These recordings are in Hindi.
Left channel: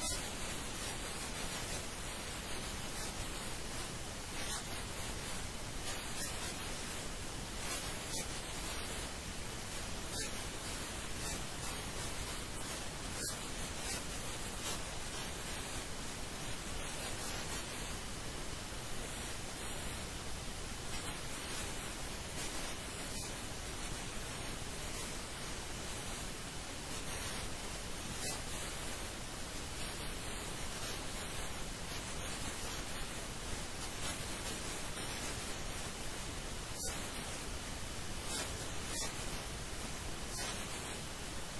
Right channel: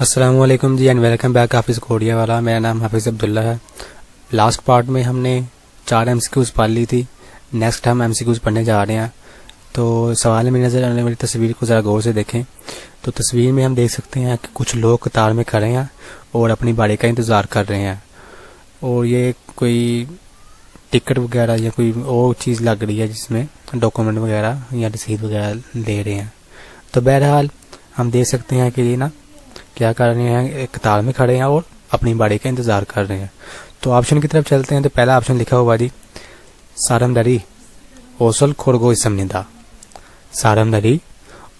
अस्सलामुअलैकुम जी एंड वेलकम बैक हाफिज़ कोडिया वाला। मेरा नाम हाफिज़ अब्दुल्ला है। लास्ट पार्ट में हमने 4 एमसीक्यूज़ पढ़ ली थी। नेक्स्ट हम एमसीक्यूज़ पढ़ने जा रहे हैं। तो सवाल में नज़र आने वाली तस्वीर को ज़रा गौर से देखें। तो तस्वीर में हम देख सकते हैं कि कुछ लोग कतार में खड़े हैं और अपनी बारी का इंतज़ार कर रहे हैं, और ये कोई टिकट वगैरह या कोई और चीज़ लग रही है जिसमें डॉक्यूमेंट वगैरह या रसीद वगैरह ले रहे हैं। तो बहरहाल हम देख सकते हैं कि ये ना क्या कर रहे हैं, एक कतार में खड़े हैं और अपनी बारी का इंतज़ार कर रहे हैं। तो ऑप्शन की तरफ चलते हैं। तो पहला ऑप्शन लिखा हुआ जी सारमदरी ओसल खोरगो इसमनिदा। सारमदरी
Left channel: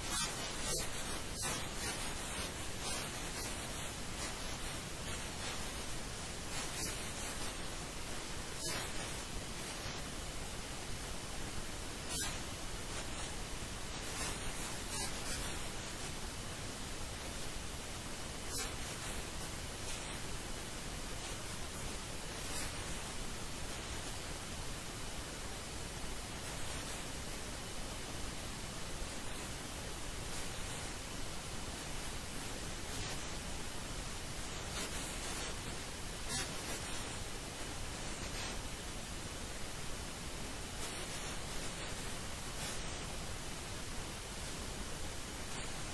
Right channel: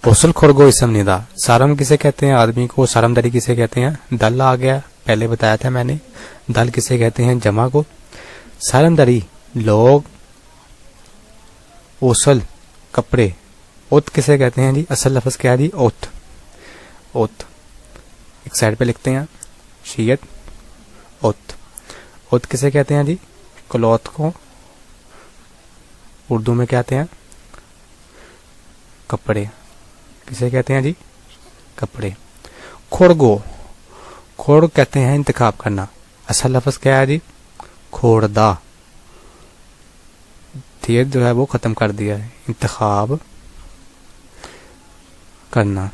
ओसल खोरगो इसमनिदा। सारम किसे कहते हैं आदमी को, सारमदरी किसे कहते हैं दल आ गया, पहले बताया था मैंने। दल किसे कहते हैं जमा को। सारमदरी लोग, ओसल कपड़े, ओत किसे कहते हैं जी, असल लफ्ज़ क्या है जी ओत। ओत एक साइड पे लिखते हैं शीयत ओत। ओत किसे कहते हैं जी क्लॉथ को, उर्दू में कहते हैं कपड़े। किसे कहते हैं जी कपड़े। खोड़गो, खोड़ कहते हैं इंतखाब करना, असल लफ्ज़ क्या है जी खोड़दा। थियर जो है वो ख़त्म कर दिया है, इंतखाब करना।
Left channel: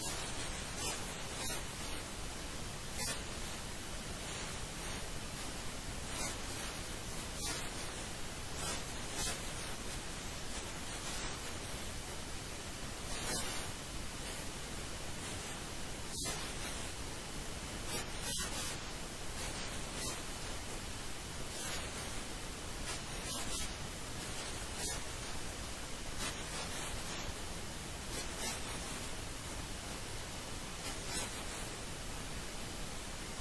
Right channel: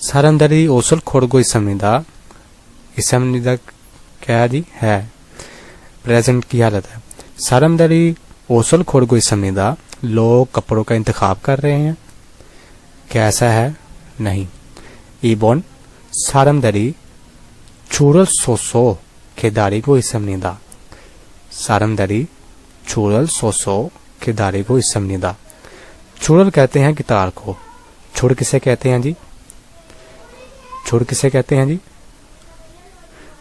सारमदरी ओसल खोड़गो इसमनिदा। इसमनिदा क्या है जी है, प्रेजेंट की हालत है। सारमदरी ओसल खोड़गो इसमनिदा, लोग कपड़ों का इंतखाब कर रहे हैं। कैसा है नहीं। इबन सारमदरी चूरल सोसो खेदारी को इसमनिदा। सारमदरी चूरल सोसो खेदारी को इसमनिदा। चूरल कहते हैं गिटार को। छुड़ किसे कहते हैं जी, छुड़ किसे कहते हैं जी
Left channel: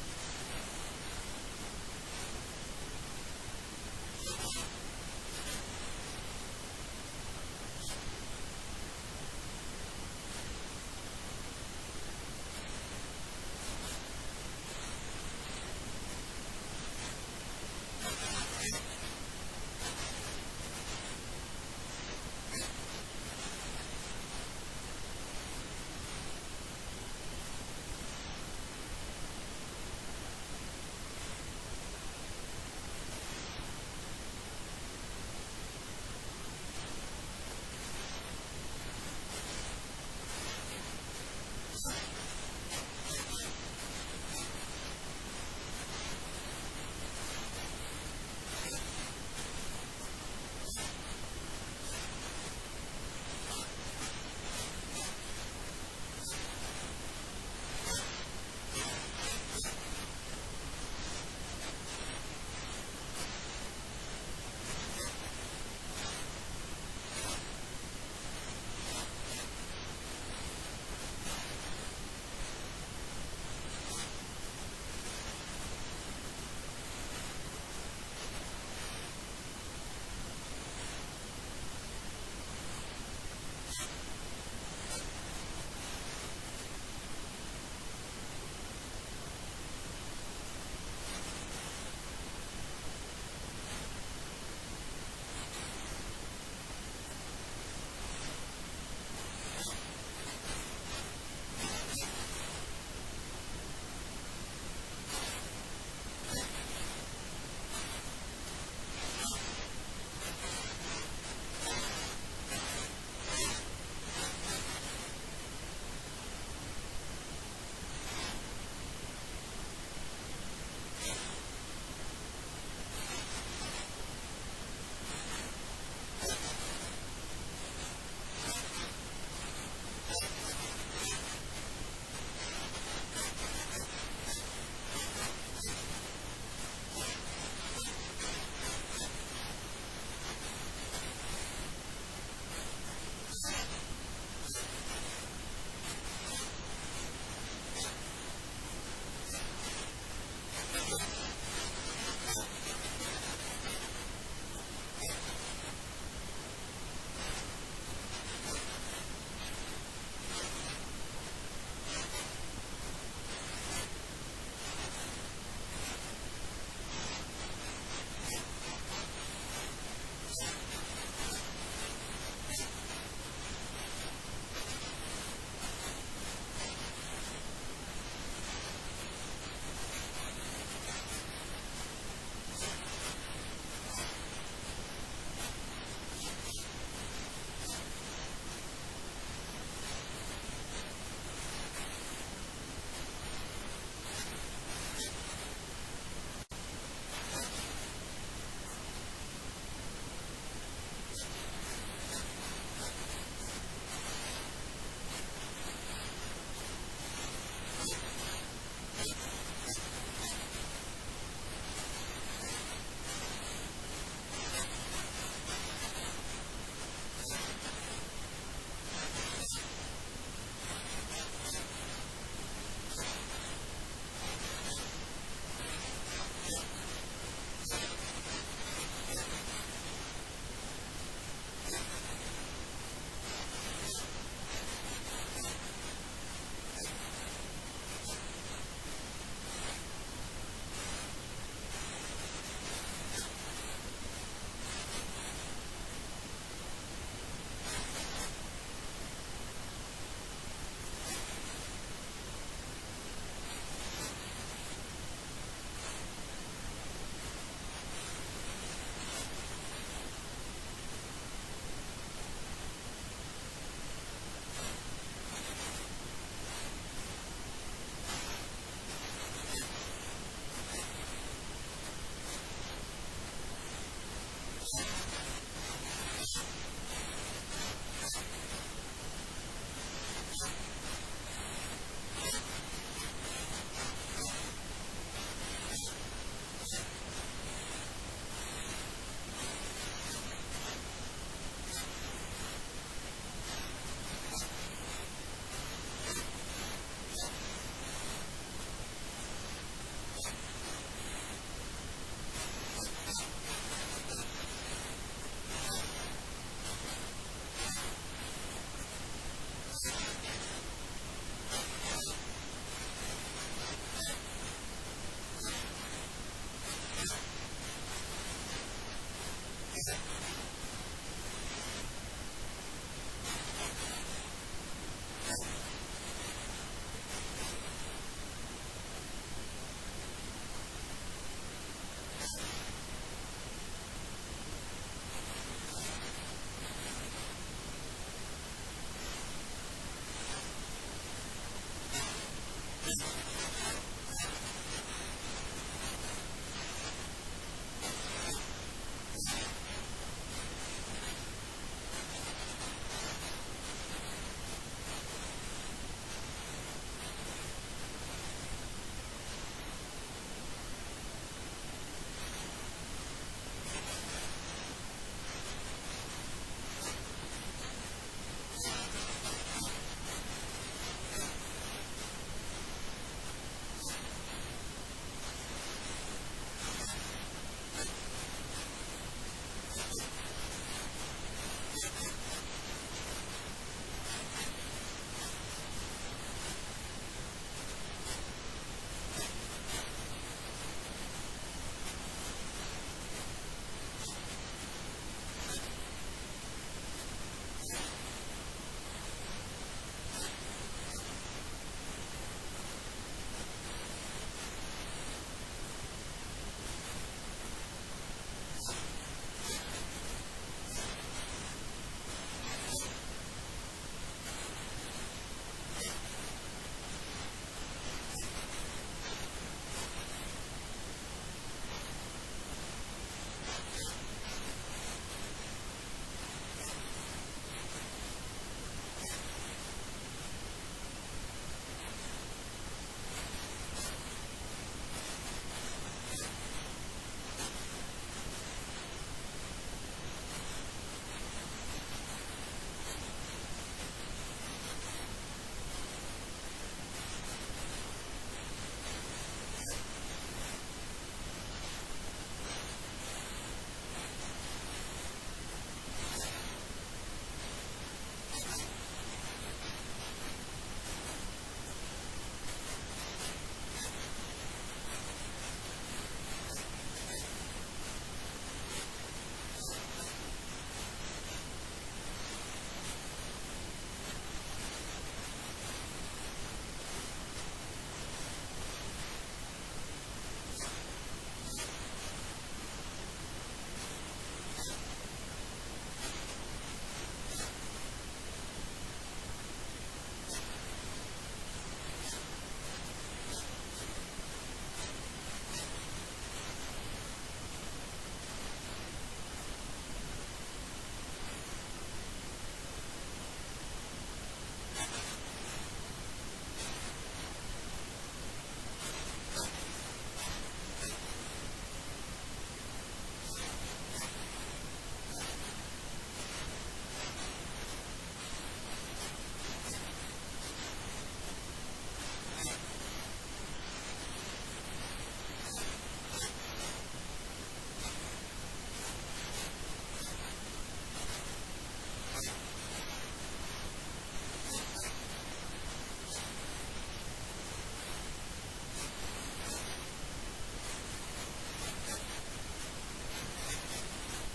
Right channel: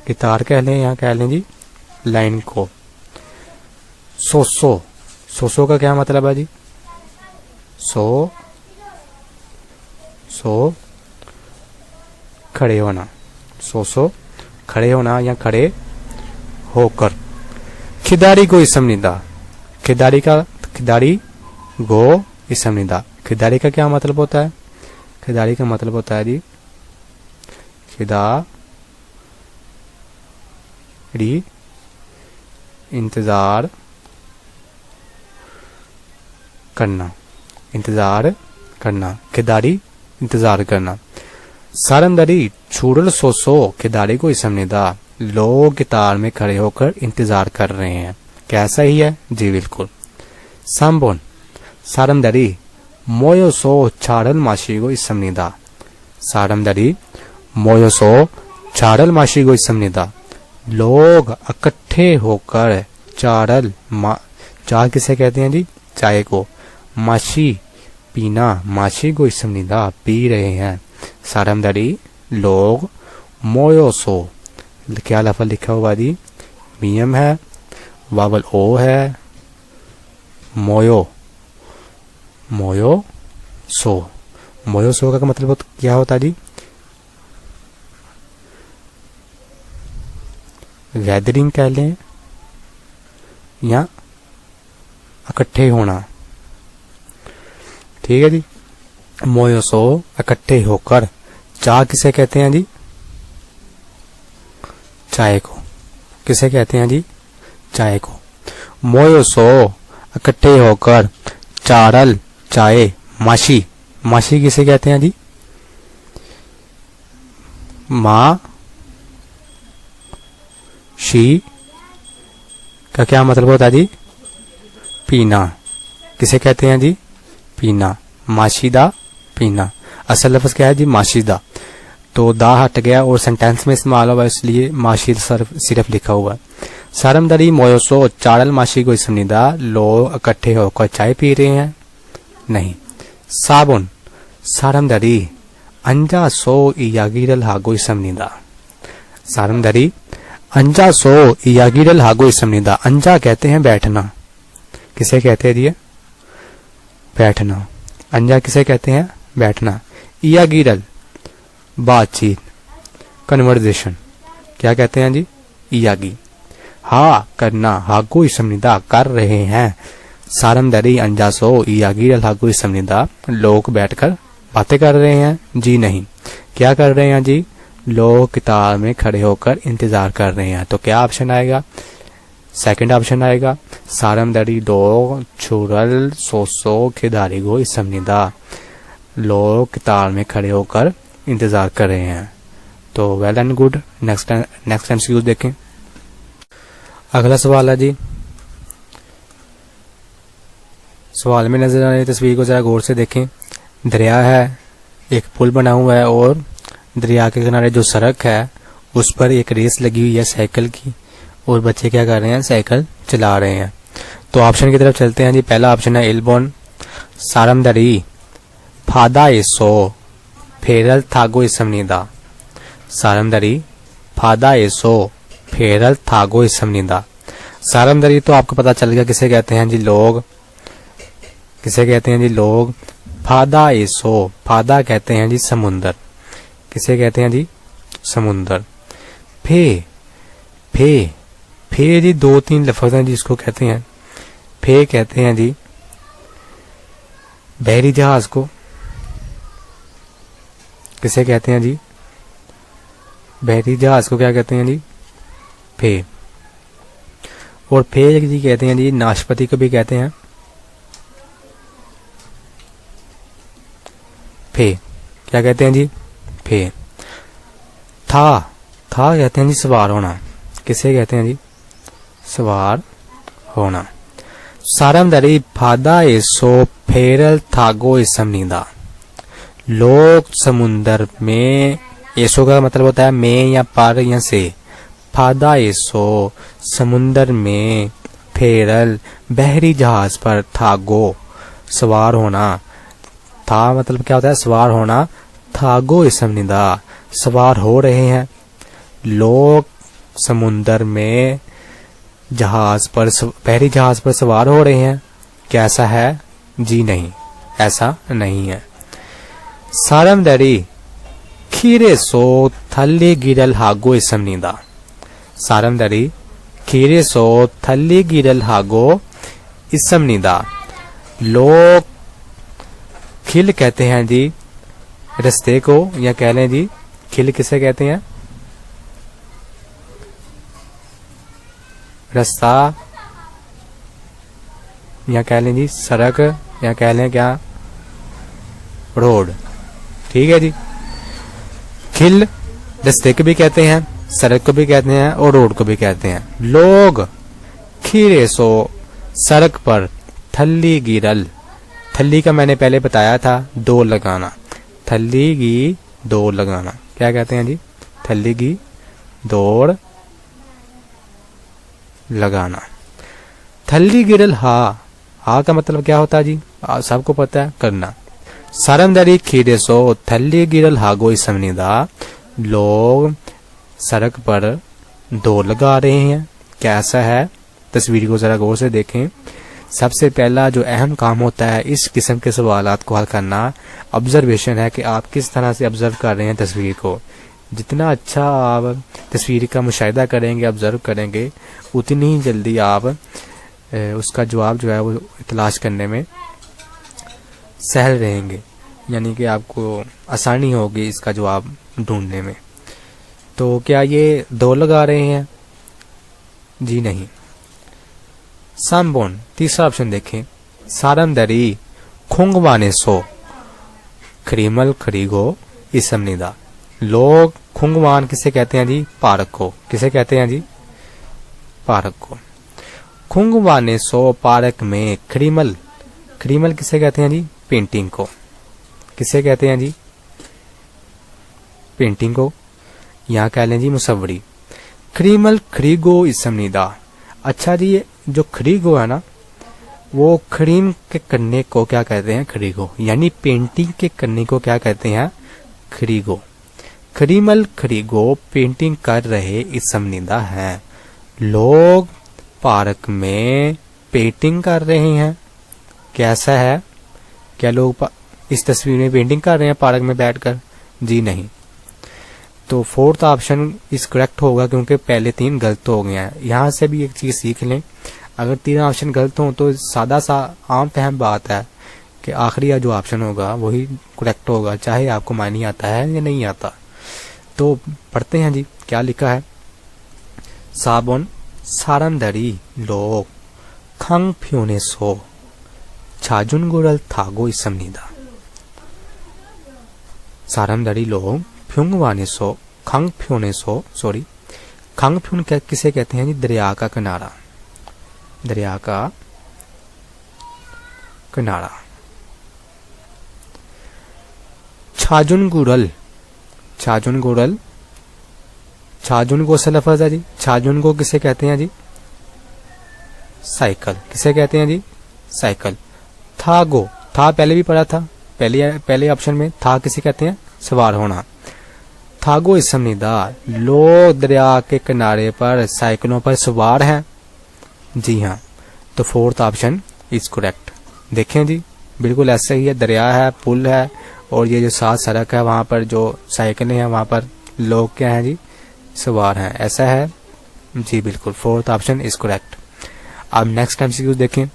गिटार कह लें या कह लें जी लाइन को। सोसो, सोसो का क्या मतलब है जी सो, सो खड़े होना। सोसो खड़े होना या खड़े होकर। खिदारी को इसमनिदा। खिदारी का, खिदारी गो इसमनिदा। खिदारी का क्या मतलब होता है, खिदारी का मतलब होता है जी खिदारी इंतजार करना, इंतजार करना, खिदारी इंतजार करना। सारमदरी छूड़ल सोसो खिदारी को इसमनिदा, लोग गिटार में खड़े होकर इंतजार कर रहे हैं। कैसा ही है जी बिल्कुल। सांबोन सारमदरी मोयोसो छाड़ल माशी को इसमनिदा। सारमदरी मोयोसो छाड़ल माशी को इसमनिदा, लोग इकट्ठे होकर चाड़ल चार किसे कहते हैं जी चाय को, माशी पीना, माशी को इसमनिदा पी रहे हैं। सारमदरी लोग मोयोसो, क्या लफ्ज़ लिखा हुआ जी मीम है, वावल ओ है, मोयो, मोयो सो। मोयो सो का मतलब क्या होता है जी गैदरिंग कह लें या इकट्ठे होना। ठीक है जी। मोयो सो इकट्ठे होकर। चाय किसे कहते हैं जी चाय को। किसे कहते हैं जी चाय को। मोयो सो इकट्ठे होकर चाड़ल चाय, माशी, माशी किसे कहते हैं जी माँ शी का क्या मतलब होता है जी पीना। किसे कहते हैं जी पीना, माशीदा पीना। असल लफ्ज़ क्या है जी माशीदा। तो दा हट गया और सेंटेंस में इस्तेमाल हुआ, इसलिए माशीद सिर्फ लिखा हुआ है। सारमदरी मोयोसो चाड़ल माशी को इसमनिदा, लोग इकट्ठे होकर चाय पी रहे हैं नहीं। साबुन सारमदरी अंजा सो इयागिरल हागो इसमनिदा। सारमदरी अंजा सो इयागिरल हागो इसमनिदा। अंजा कहते हैं बैठना। किसे कहते हैं जी बैठना। अंजा किसे कहते हैं बैठना। इयागिरल बातचीत, कन्वर्जेशन, क्या कहते हैं जी इयागी। हा करना, हागो इसमनिदा कर रहे हैं। सारमदरी अंजासो इयागिरल हागो इसमनिदा, लोग बैठकर बातें कर रहे हैं जी नहीं। क्या कर रहे हैं जी लोग कतार में खड़े होकर इंतजार कर रहे हैं। तो क्या ऑप्शन आएगा? सेकंड ऑप्शन आएगा, सारमदरी दो छुरल सोसो खिदारी गो इसमनिदा, लोग कतार में खड़े होकर इंतजार कर रहे हैं। तो well and good. Next MCQ देखें। अगला सवाल है जी, सवाल में नजर आ रही तस्वीर को जरा गौर से देखें। दरिया है, एक पुल बना हुआ है और दरिया के किनारे जो सड़क है उस पर एक रेस लगी हुई है साइकिल की, और बच्चे क्या कर रहे हैं? साइकिल चला रहे हैं। तो ऑप्शन की तरफ चलते हैं जी। पहला ऑप्शन है इलबोन सारमदरी फादा एसो फेरल थागो इसमनिदा, सारमदरी फादा एसो फेरल थागो इसमनिदा। सारमदरी तो आपको पता चल गया किसे कहते हैं जी? लोग। किसे कहते हैं जी? लोग। फादा एसो, फादा कहते हैं जी समुंदर। किसे कहते हैं जी? समुंदर। फे, फे, फे जी दो तीन लफ्ज हैं जिसको कहते हैं। फे कहते हैं जी बहरी जहाज को। किसे कहते हैं जी? बहरी जहाज को क्या कहते हैं जी? फे। और फे जी कहते हैं जी नाशपाती को भी कहते हैं फे। क्या कहते हैं जी? फे। था, था कहते हैं जी सवार होना। किसे कहते हैं जी? सवार होना। सारमदरी फादा एसो फेरल थागो इसमनिदा, लोग समुंदर में, एसो का मतलब होता है में या पर या से, फादा एसो समुंदर में, फेरल बहरी जहाज पर, थागो सवार होना। था मतलब क्या होता है? सवार होना। थागो इसमनिदा सवार हो रहे हैं। लोग समुंदर में जहाज पर, बहरी जहाज पर सवार हो रहे हैं। क्या ऐसा है? जी नहीं, ऐसा नहीं है। सारमदरी खीरे सो थल्ली गिरल हागो इसमनिदा, सारमदरी खीरे सो थल्ली गिरल हागो इसमनिदा, लोग खिल कहते हैं जी रस्ते को, या कह लें जी खिल किसे कहते हैं? रास्ता, या कह लें जी सड़क, या कह लें क्या? रोड। ठीक है जी। खिल रास्ते को भी कहते हैं, सड़क को भी कहते हैं और रोड को भी कहते हैं। लोग खीरे सो सड़क पर, थल्ली गिरल, थल्ली का मैंने पहले बताया था दो लगाना, थल्ली की दौड़ लगाना। क्या कहते हैं जी? थल्ली की दौड़ लगाना। थल्ली गिरल हा, हा का मतलब क्या होता है जी? सबको पता है, करना। सारमदरी खीरे सो थल्ली गिरल हागो इसमनिदा, लोग सड़क पर दौड़ लगा रहे हैं। कैसा है? तस्वीर को जरा गौर से देखें। सबसे पहला जो अहम काम होता है इस किस्म के सवालात को हल करना, ऑब्जर्वेशन है कि आप किस तरह से ऑब्जर्व कर रहे हैं तस्वीर को। जितना अच्छा आप तस्वीर का मुशाहिदा करेंगे, ऑब्जर्व करेंगे, उतनी ही जल्दी आप उसका जवाब जो है वो तलाश करने में सहल रहेंगे, यानी कि आपको आसानी होगी इसका जवाब ढूंढने में। तो क्या ये दो लगा रहे हैं? जी नहीं। सामबोन, तीसरा ऑप्शन देखें। सारमदरी खुंगवाने सो खरीमल खरीगो इसमनिदा, लोग खुंगवान किसे कहते हैं जी? पार्क को। किसे कहते हैं जी? पार्क को। खुंगवाने सो पार्क में खरीमल, खरीमल किसे कहते हैं जी? पेंटिंग को। किसे कहते हैं जी? पेंटिंग को, यहाँ कह लें जी मुसव्वरी। खरीमल खरीगो इसमनिदा। अच्छा जी, ये जो खरीगो है ना, वो खरीम के करने को क्या कहते हैं? खरीगो, यानी पेंटिंग के करने को क्या कहते हैं? खरीगो। खरीमल खरीगो पेंटिंग कर रहे इसमनिदा हैं, लोग पार्क में पेंटिंग कर रहे हैं। कैसा है? क्या लोग इस तस्वीर में पेंटिंग कर रहे हैं पार्क में बैठकर? जी नहीं। तो फोर्थ ऑप्शन इस करेक्ट होगा, क्योंकि पहले तीन गलत हो गए हैं। यहाँ से भी एक चीज सीख लें, अगर तीन ऑप्शन गलत हो तो सादा सा आम फहम बात है कि आखिरी जो ऑप्शन होगा वही करेक्ट होगा, चाहे आपको मायने आता है या नहीं आता। तो पढ़ते हैं जी क्या लिखा है। साबुन 사람들이 로 강변에서 잦은 거를 타고 있습니다. 사람들이 로 평원에서 강변에서 강변 किसे कहते हैं जी? दरिया का किनारा, दरिया का किनारा। छाजुनगुरल, छाजुनगुरल, छाजुनगो से लफ्ज है जी। छाजुनगो किसे कहते हैं जी? साइकिल। किसे कहते हैं जी? साइकिल। थागो, था पहले भी पढ़ा था, पहले ऑप्शन में था किसे कहते हैं? सवार होना। थागो इसमनिदा, लोग दरिया के किनारे पर साइकिलों पर सवार हैं। जी हाँ, तो फोर्थ ऑप्शन इज करेक्ट। देखें जी बिल्कुल ऐसा ही है, दरिया है, पुल है और ये जो साथ सड़क है वहाँ पर जो साइकिलें हैं वहाँ पर लोग क्या हैं जी? सवार हैं। ऐसा है जी, बिल्कुल फोर्थ ऑप्शन इज करेक्ट। अब नेक्स्ट एमसीक्यू देखें।